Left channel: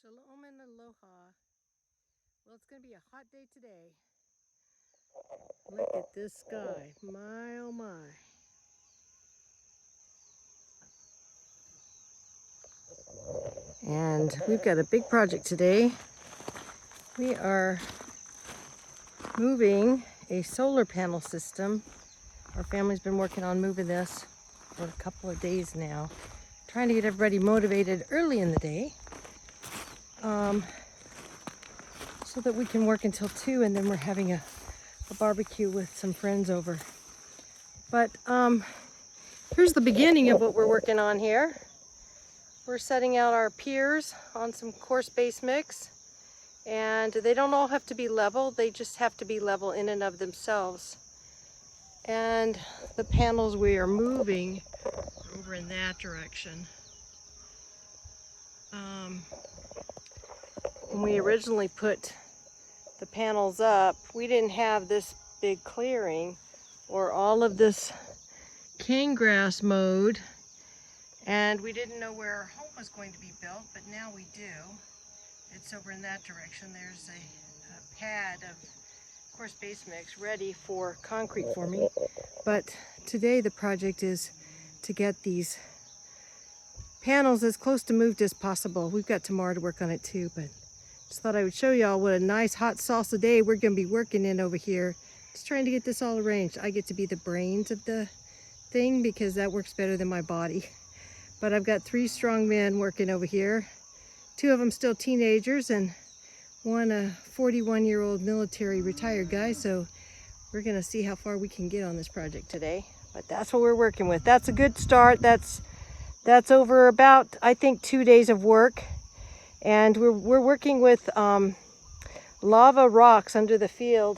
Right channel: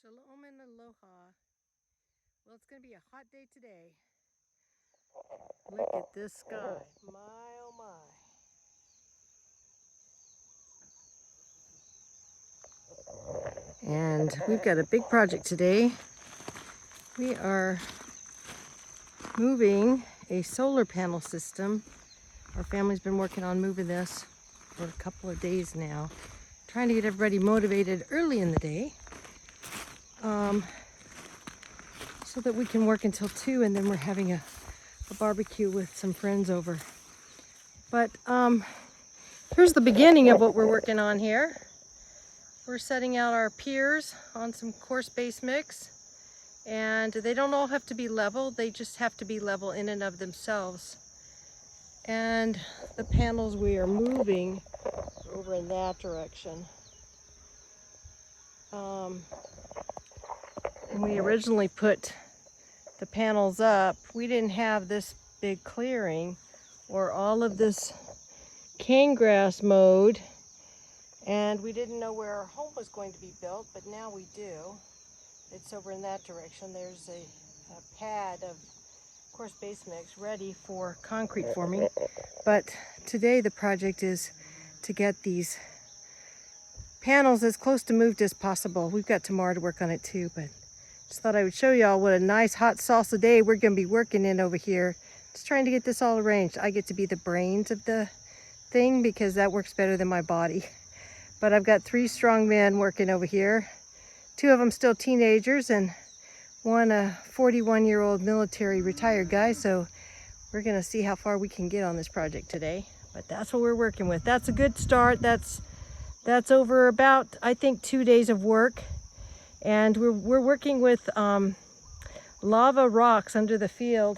Shalom and aloha. Well, it's going to be a hot day today. Look at this sky. My, oh my. And we've got a big project today. We are moving a solar panel system. Our family's been working on moving this for a couple of days now. Trying to get everybody motivated early in the day. So that we can work until 2, and then we're having a barbecue with some friends over. But here's the beginning of what we're working on here. We're setting out our piers on some coarse base mix, and they don't all have to be level, they just have to be level in and of themselves. And the panels we are moving over in that direction. When we originally put the panels up, we didn't have this big clearing or all of this cane grass mowed, and we didn't know where our home was going to be built, but now we do. It's over in that direction. There's a pad of coarse base mix ready for concrete forming. But today the project is to get these panels as close to moved as possible. We've got tomorrow to work on it too, but just thought I would show y'all what a nice hot salsa day we're going to be working in over here. Just trying to get this all arranged. I get to be the brains of the thing because that works better than my body. But I've got 3 strong men working over here. 2 of them still teenagers and one a 41-year-old military retired guy. So we're going to see how far we can get on this project today. But that's what we're working with. That's a good start. That's over about, I think, 2 days of work. And we're working with lava rocks under the field.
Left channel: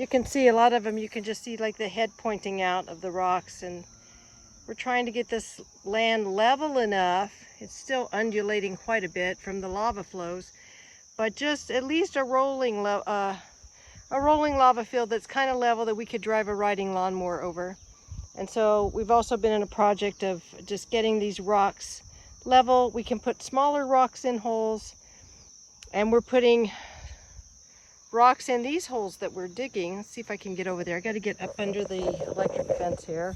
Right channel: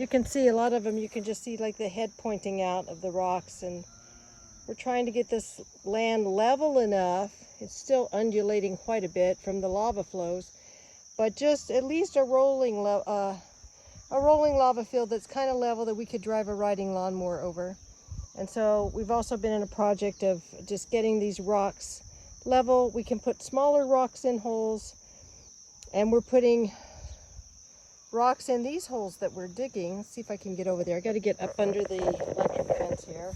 You can see a lot of them, you can just see like the head pointing out of the rocks, and we're trying to get this land level enough. It's still undulating quite a bit from the lava flows, but just at least a rolling lava field that's kind of level that we could drive a riding lawnmower over. And so we've also been in a project of just getting these rocks level. We can put smaller rocks in holes, and we're putting rocks in these holes that we're digging. Let's see if I can get over there. I got to get up under the electric fence here,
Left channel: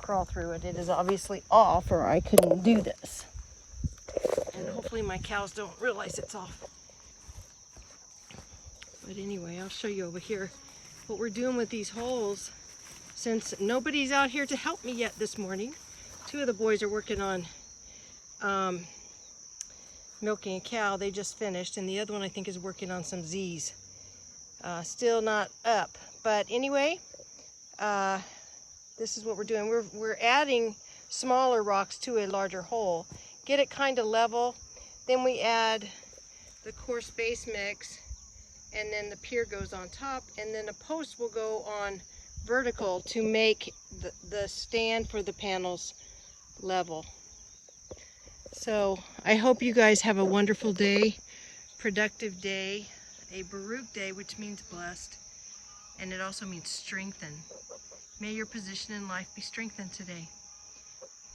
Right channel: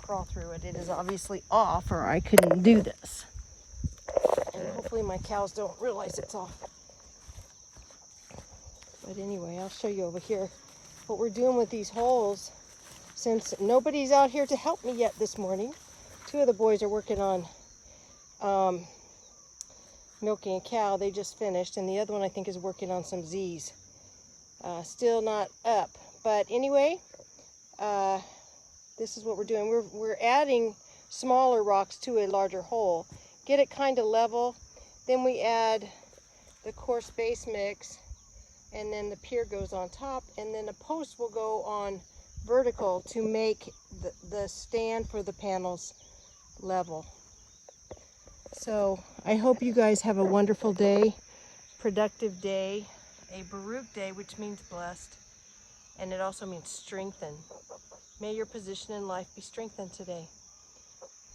crawl through it. It is obviously off, or I couldn't do this. And hopefully my cows don't realize it's off. But anyway, I'll show you over here what we're doing with these holes. Since nobody's out here to help me yet this morning, 2 of the boys are working on milking a cow. They just finished, and the other one I think is working on some Z's. Still not up, but anyway, this is what we're doing. We're adding smaller rocks to a larger hole, get it kind of level. Then we add the coarse base mix, and then the pier goes on top, and then a post will go on vertical to make the stand for the panels level. So I hope you guys have a wonderful day, productive day, a Baruch day, which means blessed, and it also means strengthened. May your position in life be strengthened today.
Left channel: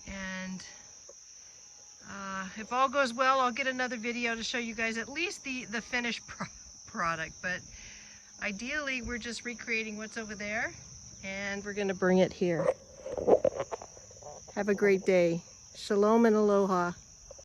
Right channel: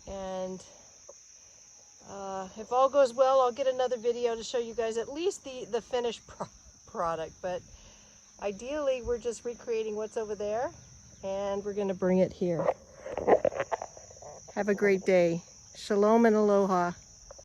And if all goes well, I'll get another video to show you guys at least the finished product. But ideally, we're just recreating what's over there, and we're going to bring it here. Have a great day. Shalom and aloha.